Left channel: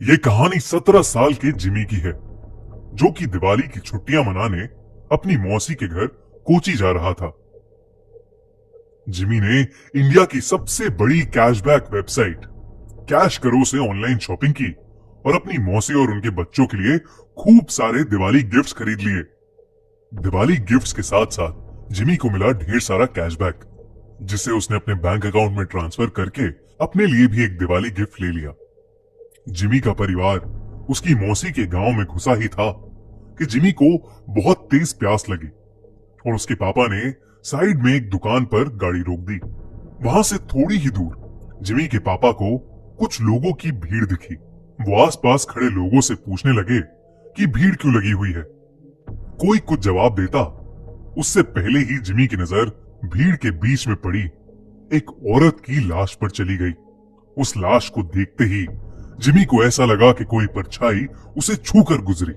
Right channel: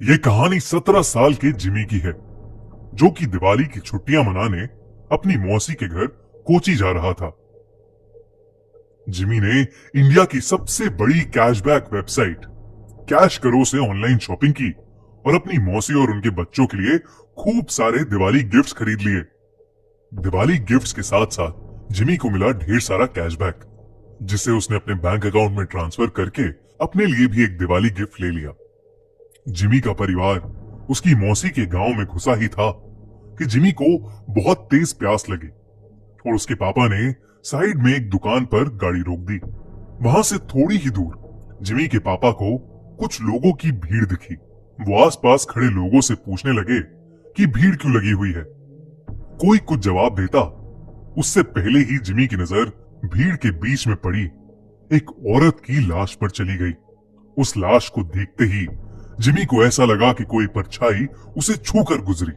ये कहानी 17 साल के जिमी की है, जो कि दिवाली की छुट्टियां मनाने अपनी मौसी के घर कोची जा रहा था। जिमी ने इंडिया की सबसे बड़ी कैशबैक वेबसाइट कैश करो से ऑनलाइन शॉपिंग की और अपनी मौसी और उनके बच्चों के लिए खूब सारे दिवाली गिफ्ट्स खरीद लिए। दिवाली गिफ्ट्स के साथ साथ जिमी को मिला ढेर सारा कैशबैक, जिसे उसने अपने बैंक अकाउंट में ट्रांसफर करके अपने लिए भी एक दिवाली गिफ्ट ले लिया। जिमी का परिवार उसकी मौसी के गांव में घुसा ही था कि जिमी को बहुत तेज प्यास लगी और उसके पापा ने साइड में एक दुकान पर गाड़ी रोक दी। वहां से थोड़ी ही दूर जिमी के पापा को कुछ लोगों की भीड़ दिखी। वो आसपास खड़े लोगों से पूछने लगे कि भीड़ क्यों लगी हुई है। कोई कुछ जवाब देता, उससे पहले ही जिमी की नजर भीड़ के बीच में पड़ी एक औरत की लाश पर चली गई। उस लाश को देखते ही जिमी को ऐसा लगा कि कोई परछाई उसे छूकर गुजरी।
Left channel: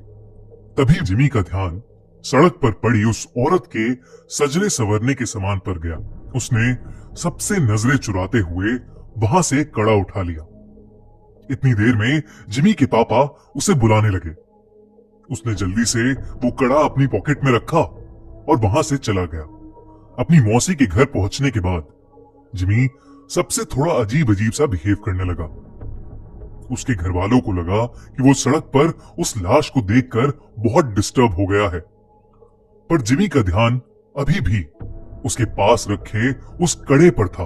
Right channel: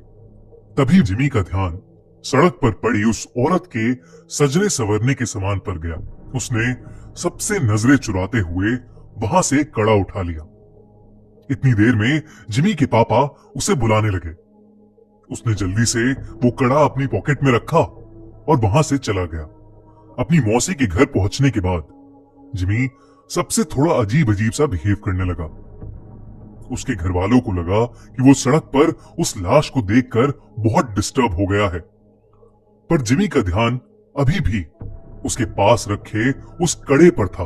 तभी जिमी का ध्यान सड़क पर पड़ी उस औरत के सजने संवरने के सामान पर गया। उसने सबसे नजरें चुराते हुए वहां से कड़ा उठा लिया। इतनी देर में जिमी के पापा उसे बुलाने लगे। उसने जल्दी से वो कड़ा अपनी पॉकेट में रखा और वहां से चला गया। अपनी मौसी के घर पहुंचने के बाद जिमी सबसे थोड़ा अजीब अजीब सा बिहेव करने लगा। उसके घर वालों को लगा कि वो सड़क पर उस लाश को देखकर बहुत डिस्टर्ब हो गया है, पर जिमी का ध्यान अभी भी उसके पास रखे उस कड़े पर था।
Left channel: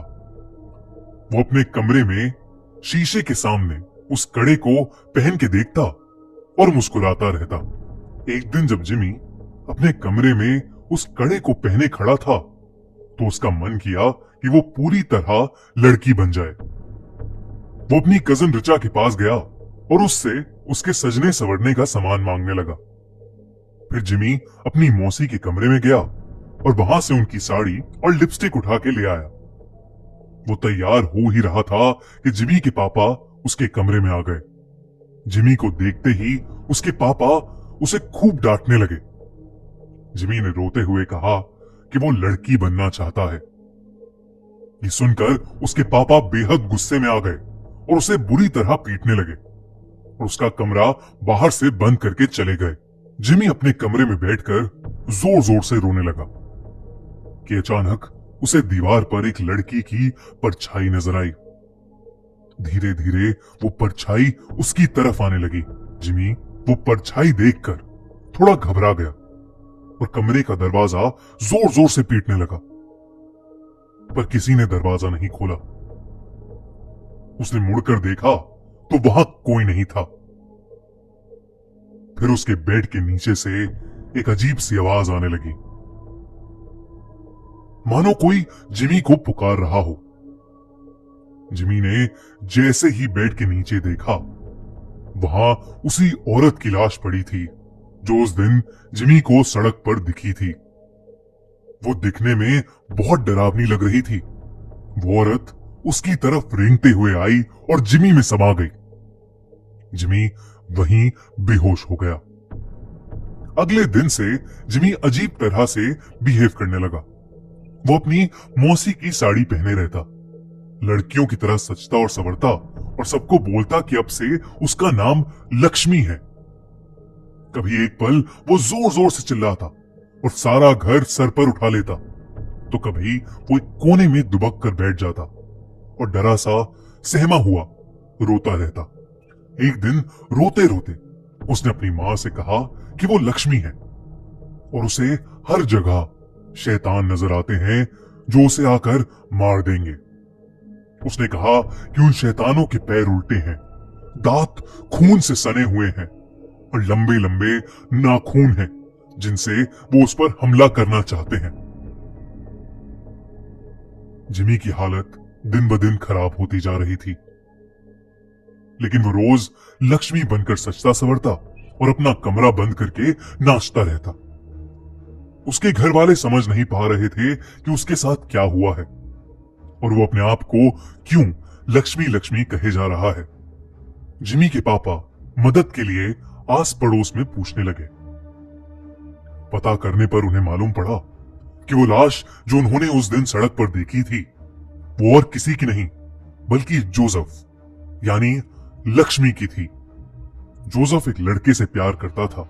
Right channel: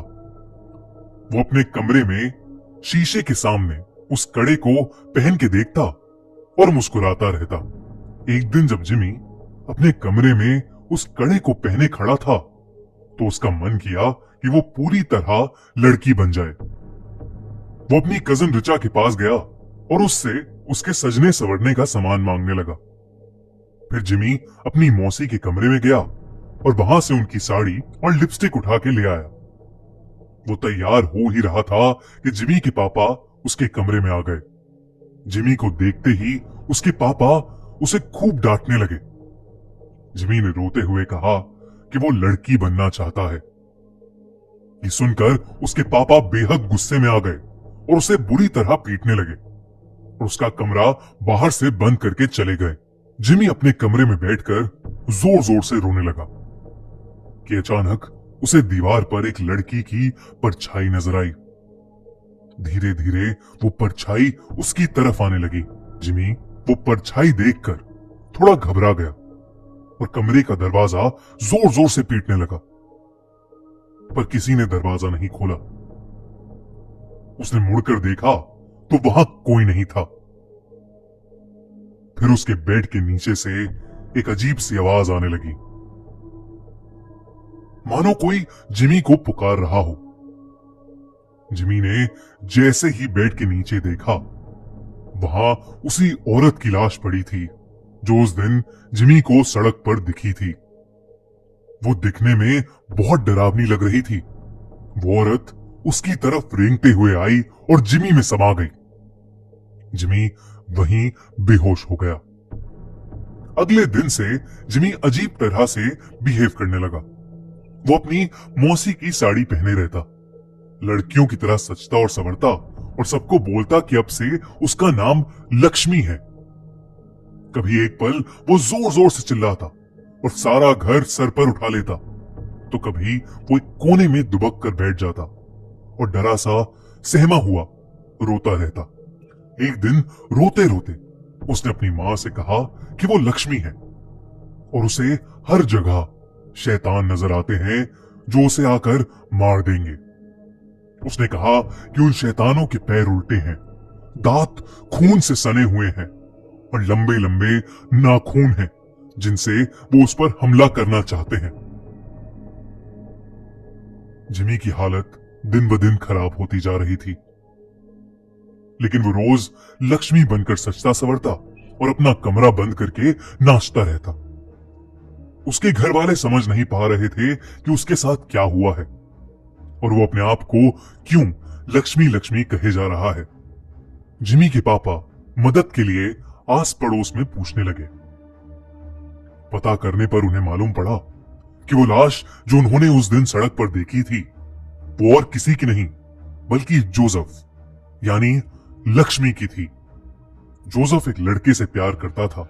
वो अपने कमरे में शीशे के सामने उस कड़े को पहन के देखता और मुस्कुराता रहता। एक दिन जब जिमी अपने कमरे में उस कड़े को पहने खड़ा था, तो उसका मन किया कि वो पूरी तरह लड़की बन जाए। वो अपनी कजन रिचा के पास गया और उससे उसके सजने संवरने का सामान मांगने लगा। फिर जिमी अपनी मौसी के कमरे में गया और वहां से उनकी साड़ी और लिपस्टिक उठा के ले आया। वो तैयार हो ही रहा था कि जिमी के पापा उसके कमरे में आ गए। जिमी को देखते ही उसके पापा उसे खूब डांटने लगे। जिमी ने रोते हुए कहा कि वो लड़की बनना चाहता है। ये सुनकर उसके पापा बेहद गुस्से में आ गए और उसे बुरी तरह पीटने लगे और उसका कमरा बाहर से बंद करके चले गए। जिमी अपने कमरे में बैठकर जोर जोर से रोने लगा कि अचानक उसे दीवार पर एक लड़की की परछाई नजर आई। धीरे धीरे वो परछाई उसकी तरफ आने लगी। जिमी वो परछाई देखकर थोड़ा घबरा गया और कमरे का दरवाजा जोर जोर से पीटने लगा, पर किसी ने दरवाजा नहीं खोला। उसने मुड़कर देखा तो वहां कोई नहीं था। फिर उसके बेड के नीचे से एक अजीब सी आवाज आने लगी, मानो कोई जिमी को पुकार रहा हो। जिमी ने जैसे ही बेड के नीचे देखा, वहां उसी औरत की लाश पड़ी थी जो उस दिन जिमी को सड़क पर दिखी थी। वो दिखने में बहुत डरावनी लग रही थी। वो औरत उसकी तरफ रेंगते हुए आई और जिमी में समा गई। जिमी वहीं बेहोश हो गया। अगले दिन से जिमी अजीब तरह से बिहेव करने लगा। वो अपनी मौसी की साड़ी पहने रहता, लड़कियों की तरह सजता और संवरता और सबको बोलता कि अब से उसका नाम लक्ष्मी है। कभी एक पल वो जोर जोर से चिल्लाता और सारा घर सर पर उठा लेता, तो कभी वो एक कोने में दुबक कर बैठ जाता और डरा सा सहमा हुआ रोता रहता। एक दिन रोते रोते उसने अपनी मां से कहा कि वो लक्ष्मी है और उसे हर जगह शैतान नजर आते हैं जो उसे आकर मार देंगे। उसने कहा कि उन शैतानों के पैर उल्टे हैं, दांत खून से सने हुए हैं और लंबे लंबे नाखून हैं जिनसे वो उस पर हमला करना चाहते हैं। जिमी की हालत दिन ब दिन खराब होती जा रही थी, लेकिन वो रोज लक्ष्मी बनकर सजता संवरता और अपना कमरा बंद करके नाचता रहता। उसके घर वाले समझ नहीं पा रहे थे कि उसके साथ क्या हुआ है और वो अपने आप को क्यों लक्ष्मी लक्ष्मी कहे जा रहा है। जिमी के पापा मदद के लिए आस पड़ोस में पूछने लगे। पता करने पर उन्हें मालूम पड़ा कि वो लाश जो उन्होंने उस दिन सड़क पर देखी थी, वो और किसी की नहीं बल्कि जोसेफ यानी लक्ष्मी की थी। जोसेफ एक लड़के से प्यार करता था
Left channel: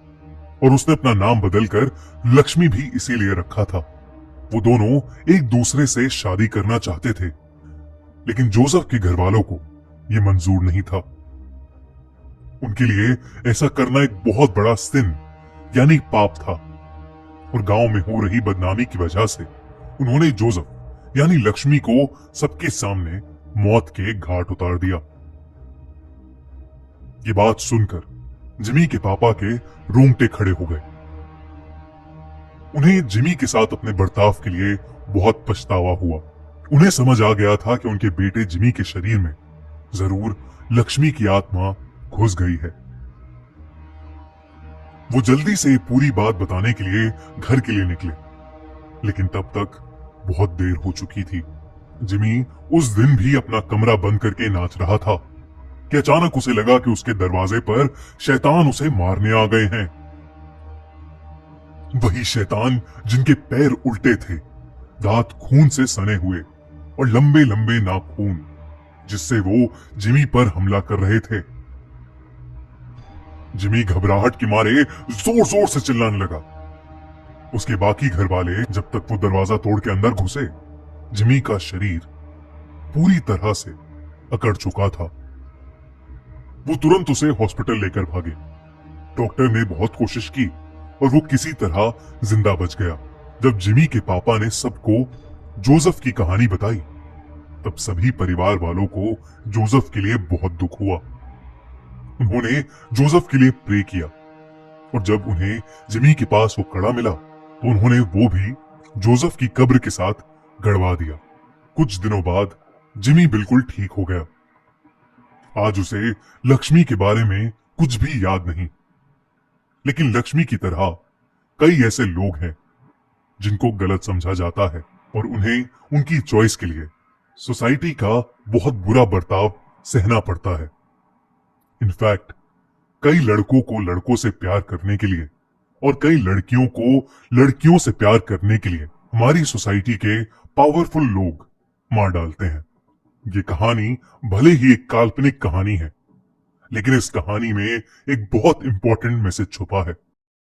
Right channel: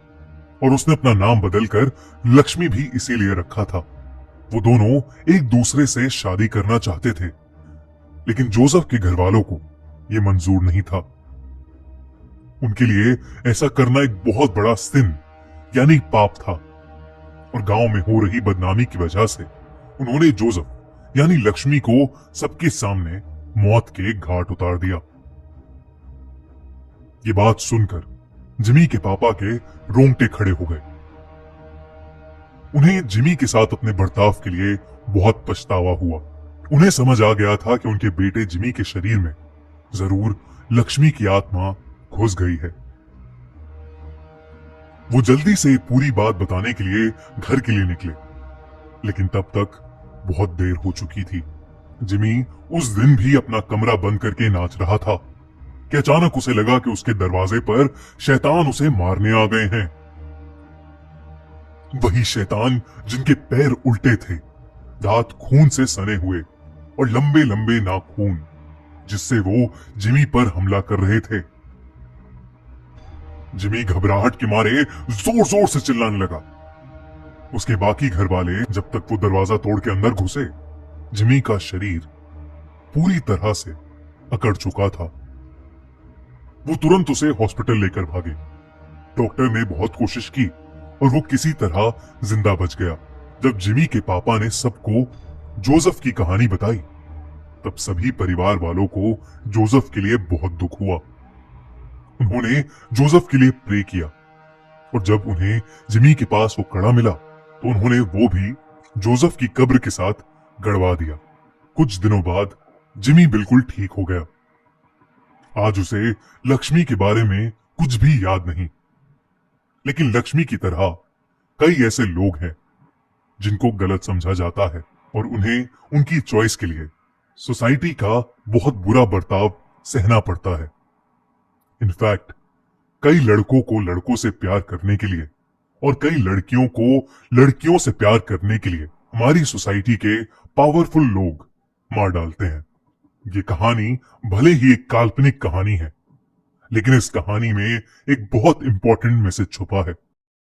और उसने अपना नाम बदलकर लक्ष्मी भी इसीलिए रखा था। वो दोनों एक दूसरे से शादी करना चाहते थे, लेकिन जोसेफ के घर वालों को यह मंजूर नहीं था। उनके लिए ऐसा करना एक बहुत बड़ा सिन यानी पाप था, और गांव में हो रही बदनामी की वजह से उन्होंने जोसेफ यानी लक्ष्मी को सबके सामने मौत के घाट उतार दिया। ये बात सुनकर जिमी के पापा के रोंगटे खड़े हो गए। उन्हें जिमी के साथ अपने बर्ताव के लिए बहुत पछतावा हुआ। उन्हें समझ आ गया था कि उनके बेटे जिमी के शरीर में जरूर लक्ष्मी की आत्मा घुस गई है। वो जल्दी से पूरी बात बताने के लिए घर के लिए निकले, लेकिन तब तक बहुत देर हो चुकी थी। जिमी उस दिन भी अपना कमरा बंद करके नाच रहा था कि अचानक उसे लगा कि उसके दरवाजे पर शैतान उसे मारने आ गए हैं। वही शैतान जिनके पैर उल्टे थे, दांत खून से सने हुए और लंबे लंबे नाखून, जिससे वो जिमी पर हमला कर रहे थे। जिमी घबराहट के मारे जोर जोर से चिल्लाने लगा। उसके बाकी घर वाले जब तक वो दरवाजा तोड़ के अंदर घुसे, जिमी का शरीर पूरी तरह से अकड़ चुका था। वो तुरंत उसे हॉस्पिटल लेकर भागे। डॉक्टर ने बहुत कोशिश की और वो किसी तरह जिंदा बच गया। जब जिमी के पापा ने सबको जोसेफ की कहानी बताई, तब सभी परिवार वालों को जोसेफ के लिए बहुत दुख हुआ। उन्होंने जोसेफ के लिए प्रे किया, और जब उन्हें जिमी के पास वो कड़ा मिला तो उन्होंने वो भी जोसेफ की कब्र के साथ गड़वा दिया। कुछ दिनों बाद जिमी बिल्कुल ठीक हो गया। आज उसे लक्ष्मी के बारे में कुछ भी याद नहीं, लेकिन लक्ष्मी की तरह कई ऐसे लोग हैं जिनको गलत समझा जाता है और उन्हें उनकी चॉइस के लिए सोसाइटी का बहुत बुरा बर्ताव सहना पड़ता है। इनफैक्ट कई लड़कों को लड़कों से प्यार करने के लिए और कई लड़कियों को लड़कियों से प्यार करने के लिए हमारी सोसाइटी के पावरफुल लोग मार डालते हैं। ये कहानी भले ही एक काल्पनिक कहानी है, लेकिन इस कहानी में एक बहुत इंपॉर्टेंट मैसेज छुपा है।